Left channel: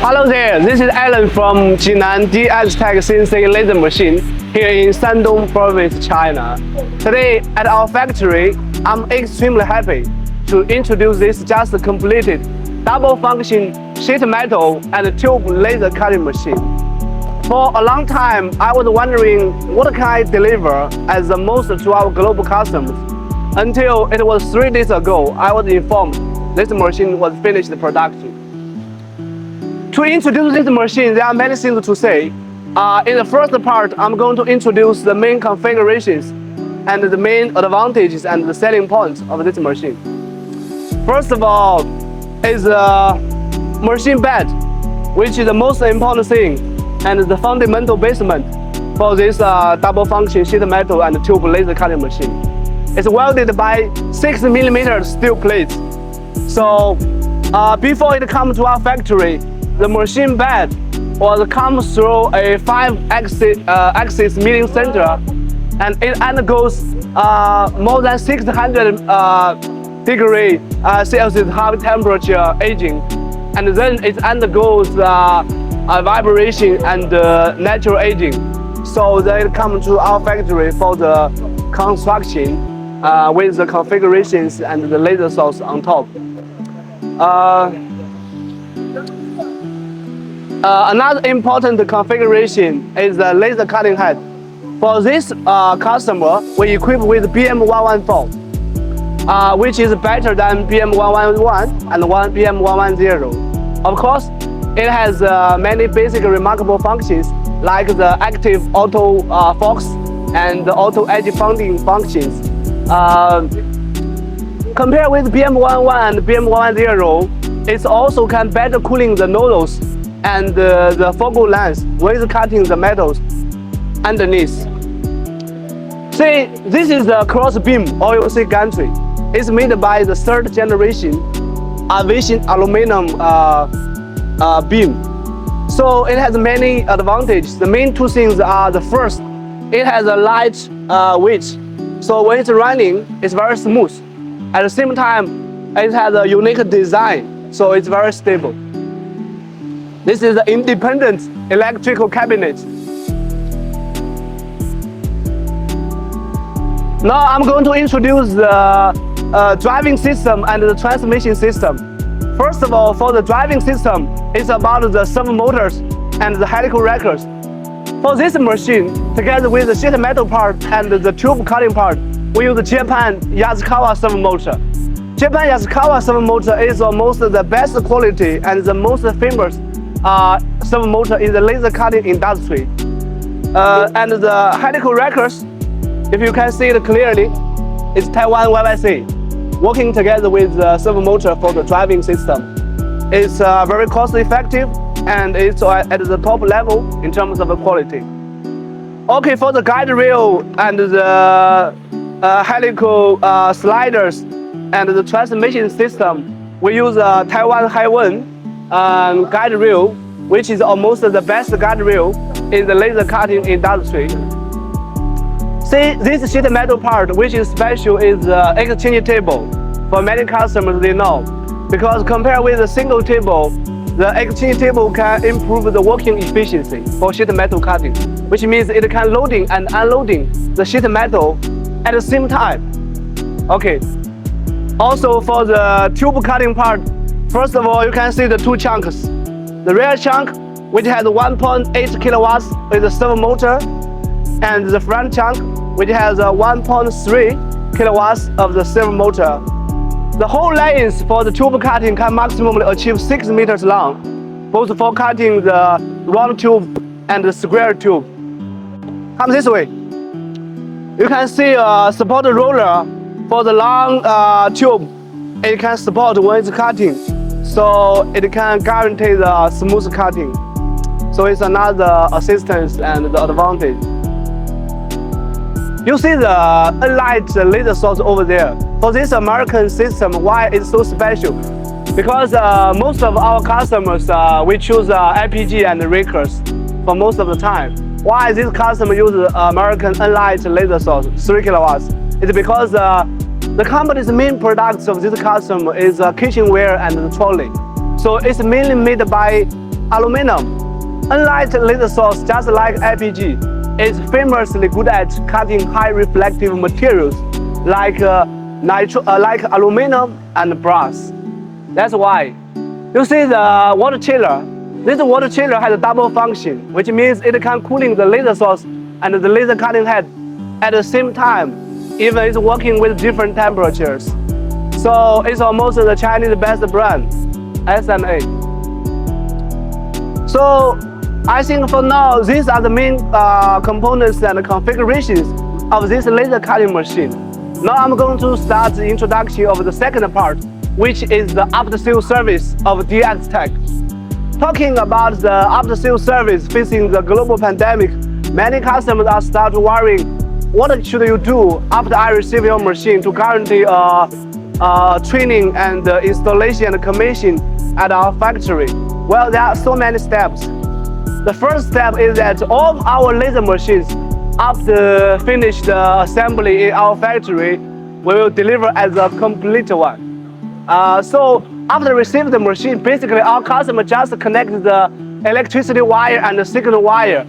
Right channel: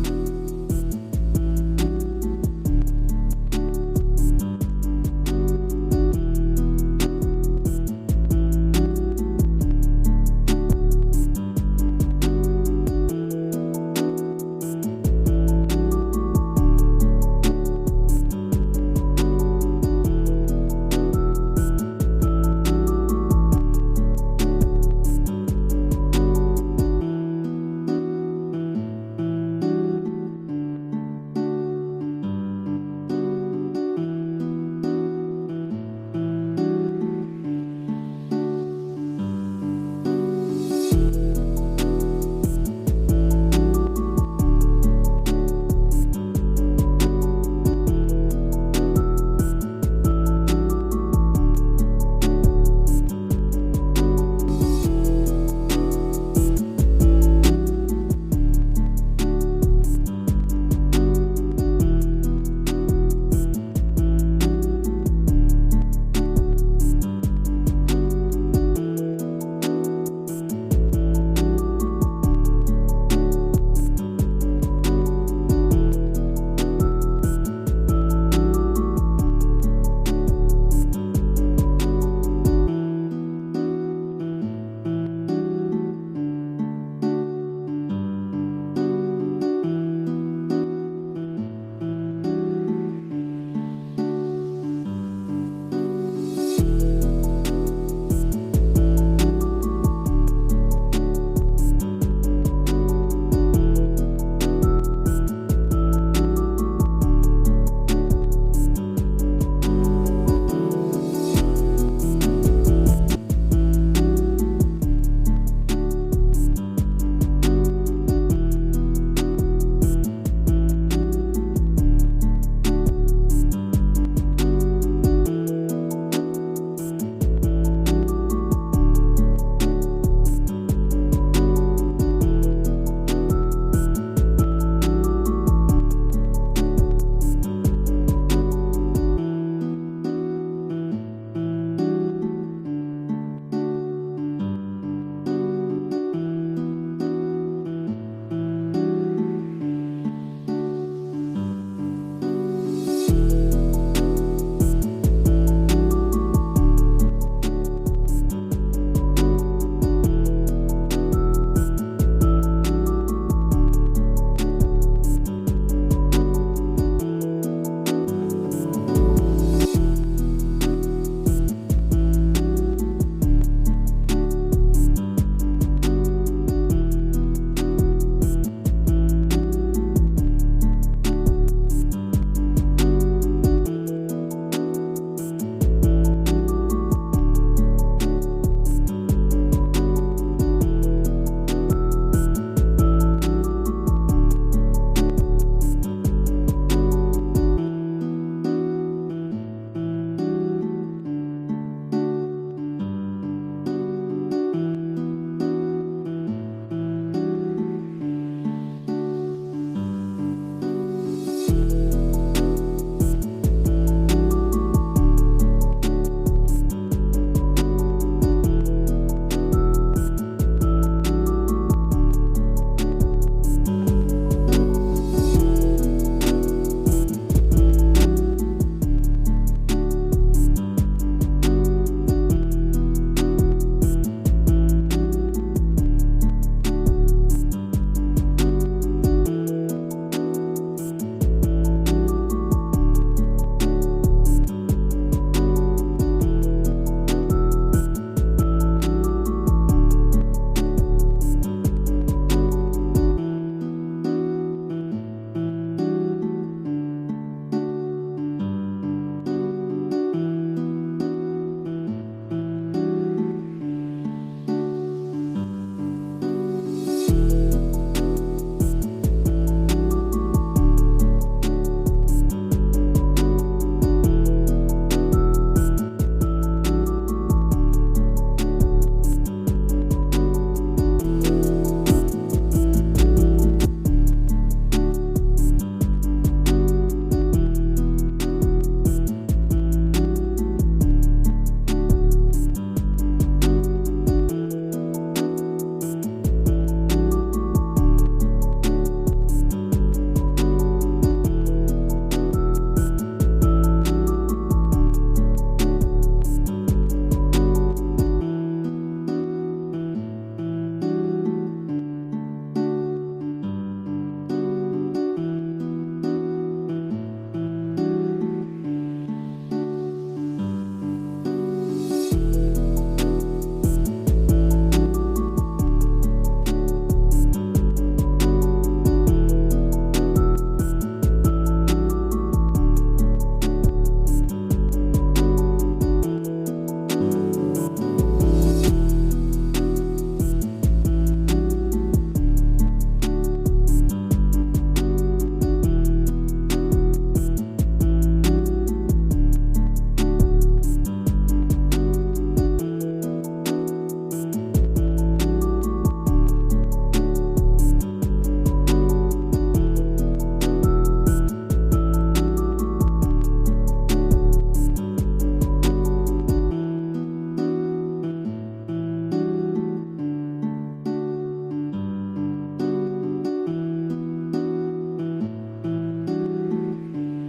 Hello there, this is Alan from Jinan DXTECH CNC laser machine here in Shandong province, China. Today at our factory, I'm extremely happy to introduce this just completed double function sheet metal and tube laser cutting machine. For a long time, I was wondering what can I deliver as the most to our global customers. Until it was 3 days ago, I was informed this machine was finished production. To introduce this machine, there are many things to say. In the first part, I'm going to introduce the main configurations and the main advantages and the selling points of this machine. First of all, is the machine bed, which is the most important thing and the fundamental basement for this double function sheet metal and tube laser cutting machine. It's welded by 6mm steel plates. So before it comes to our factory, the machine bed comes through a 5-axis milling center, and it undergoes more than 600 degree Celsius high temperature aging, and then it undergoes vibration and natural aging. So then it comes to our factory for the construction with the configurations and the laser source on top. Another important configuration is the laser cutting head. For this customer, we equip with BM114, which is better than BM111 and BM110. Of course, it has many basic remarkable functions like the active auto focus and the auto edge bonding functions. Compared with BM111 and BM110, it also can better cooling the nozzles and the focal length with cutting the metals underneath. See, this is the cross beam OLC gantry. It's made by the 3rd generation aviation aluminum beam. So it has many advantages. The main 2 things are: the first, it has a light weight. So when it's running, it's very smooth. At the same time, it has a unique design, so it's very stable. This is an independent electrical cabinet. Now I'm going to introduce the driving system and the transmission system. First of all, for the driving system, it's about the servo motors and the helical wreckers. For this machine, together with the sheet metal part and the tube cutting part, we use the Japan Yasukawa servo motor. Japan Yasukawa servo motor is almost the best quality and the most famous servo motor in the laser cutting industry. And the helical wreckers, if you can see it clearly, it's Taiwan YYC, working together with the servo motor for the driving system. It's very cost effective and it's at the top level in terms of quality. Okay, for the guide rail and the helical sliders and the transmission system, we use Taiwan Haiwen guide rail, which is almost the best guide rail in the laser cutting industry. See, this sheet metal part, which is special, is the exchange table. For many customers, they know, because compared with a single table, the exchange table can improve the working efficiency for sheet metal cutting, which means it can loading and unloading the sheet metal at the same time. Okay. Also for the tube cutting part, first of all, you can see the 2 chunks. The rear chunk, which has 1.8 kilowatts with the servo motor, and the front chunk, which has 1.3 kilowatts of the servo motor. The whole length for the tube cutting can maximally achieve 6 meters long, both for cutting the round tube and the square tube. Come this way. You can see a support roller for the long tube. It can support when it's cutting, so it can guarantee the smooth cutting. So it's another assistance and the advantage. You see the unlight laser source over there. For this American system, why it's so special? Because most of our customers, we choose IPG and rakers for most of the time. Why this customer uses American unlight laser source, 3 kilowatts? It's because The company's main products of this customer is kitchenware and trolley. So it's mainly made by aluminum. Unlike laser source, just like IPG, it's famously good at cutting high reflective materials like aluminum and brass. That's why. You see the water chiller. This water chiller has a double function, which means it can cooling the laser source and the laser cutting head at the same time, even it's working with different temperatures. So it's almost the Chinese best brand, SMA. So I think for now, these are the main components and configurations of this laser cutting machine. Now I'm going to start the introduction of the second part, which is the after-sales service of DXTECH. Talking about the after-sales service facing the global pandemic, many customers are starting worrying, what should you do after I receive your machine to guarantee training and installation and commission at our factory? Well, there are so many steps. The first step is that all our laser machines, after finish the assembly in our factory, we will deliver as a complete one. So after receiving the machine, basically our customer just connect the electricity wire and the signal wire,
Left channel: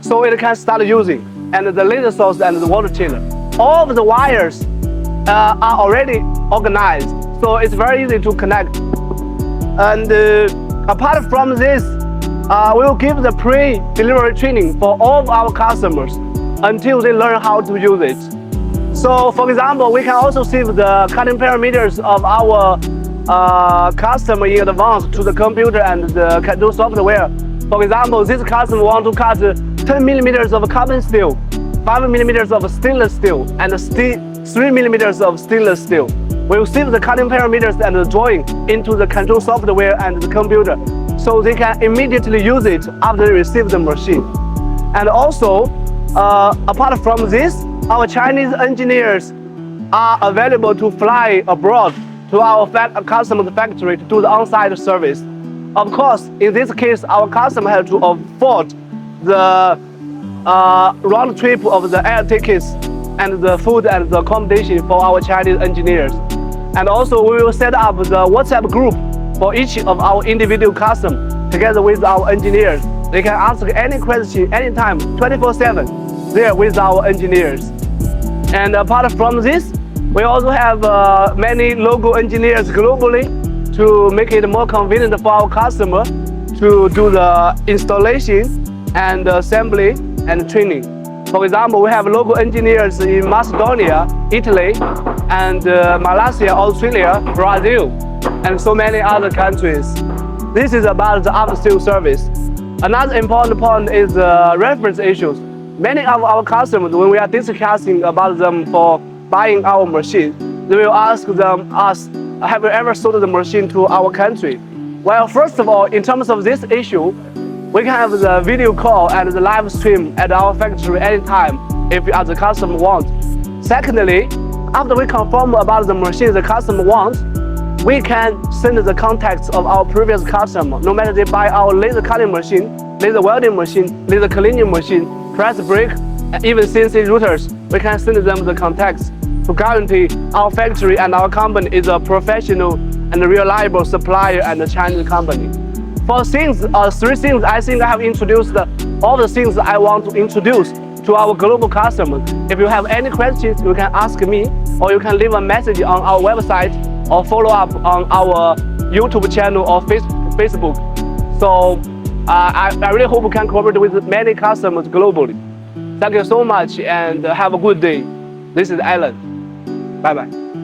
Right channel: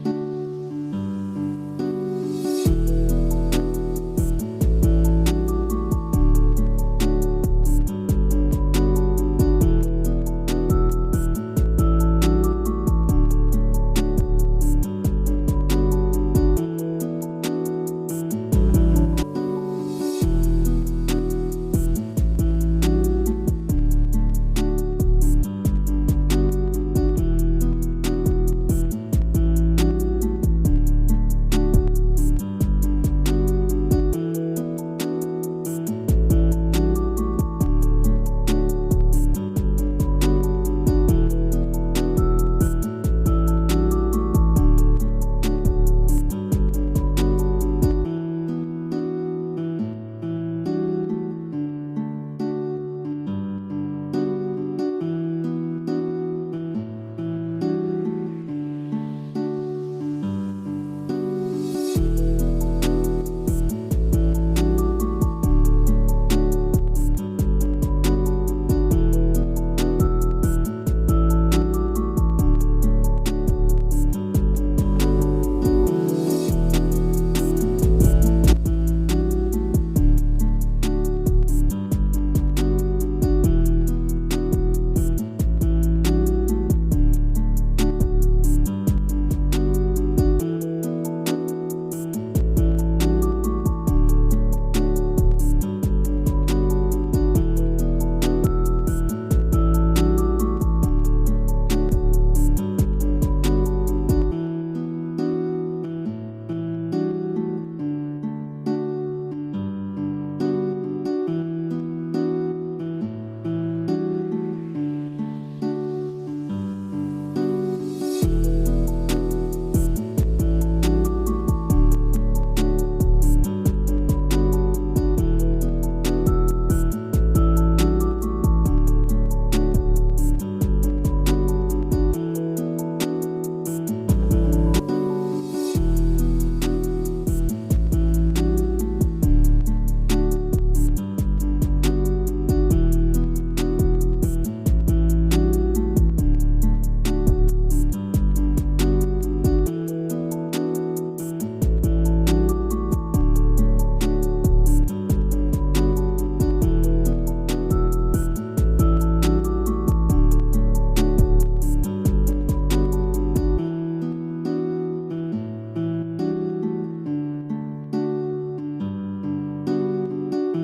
so it can start using, and the laser source and the water chiller. All of the wires are already organized, so it's very easy to connect. And apart from this, we will give the pre-delivery training for all of our customers until they learn how to use it. So for example, we can also save the cutting parameters of our customer in advance to the computer and the can-do software. For example, this customer wants to cut 10 millimeters of carbon steel, 5 millimeters of stainless steel, and 3 millimeters of stainless steel. We will save the cutting parameters and the drawing into the control software and the computer, so they can immediately use it after they receive the machine. And also, apart from this, our Chinese engineers are available to fly abroad to our customer's factory to do the on-site service. Of course, in this case, our customer has to afford the round trip of the air tickets and the food and the accommodation for our Chinese engineers. And also, we will set up the WhatsApp group for each of our individual customers together with our engineers. They can ask any question anytime, 24/7, there with our engineers. And apart from this, we also have many local engineers globally to make it more convenient for our customer to do the installation and assembly and training. For example, we have local engineers in Macedonia, Italy, and Malaysia, Australia, Brazil, and so many other countries. This is about the after-sales service. Another important point is reference issues. Many of our customers, when we are discussing about them for buying our machine, they will ask us, have you ever sold the machine to our country? Well, first of all, in terms of this issue, we can have the video call and the live stream at our factory anytime if the customer wants. Secondly, after we confirm about the machine the customer wants, we can send the contacts of our previous customer, no matter they buy our laser cutting machine, laser welding machine, laser cleaning machine, press brake, and even CNC routers. We can send them the contacts to guarantee our factory and our company is a professional and reliable supplier and a Chinese company. For three things, I think I have introduced all the things I want to introduce to our global customers. If you have any questions, you can ask me, or you can leave a message on our website, or follow up on our YouTube channel or Facebook. So I really hope we can cooperate with many customers globally. Thank you so much and have a good day. This is Alan. Bye-bye.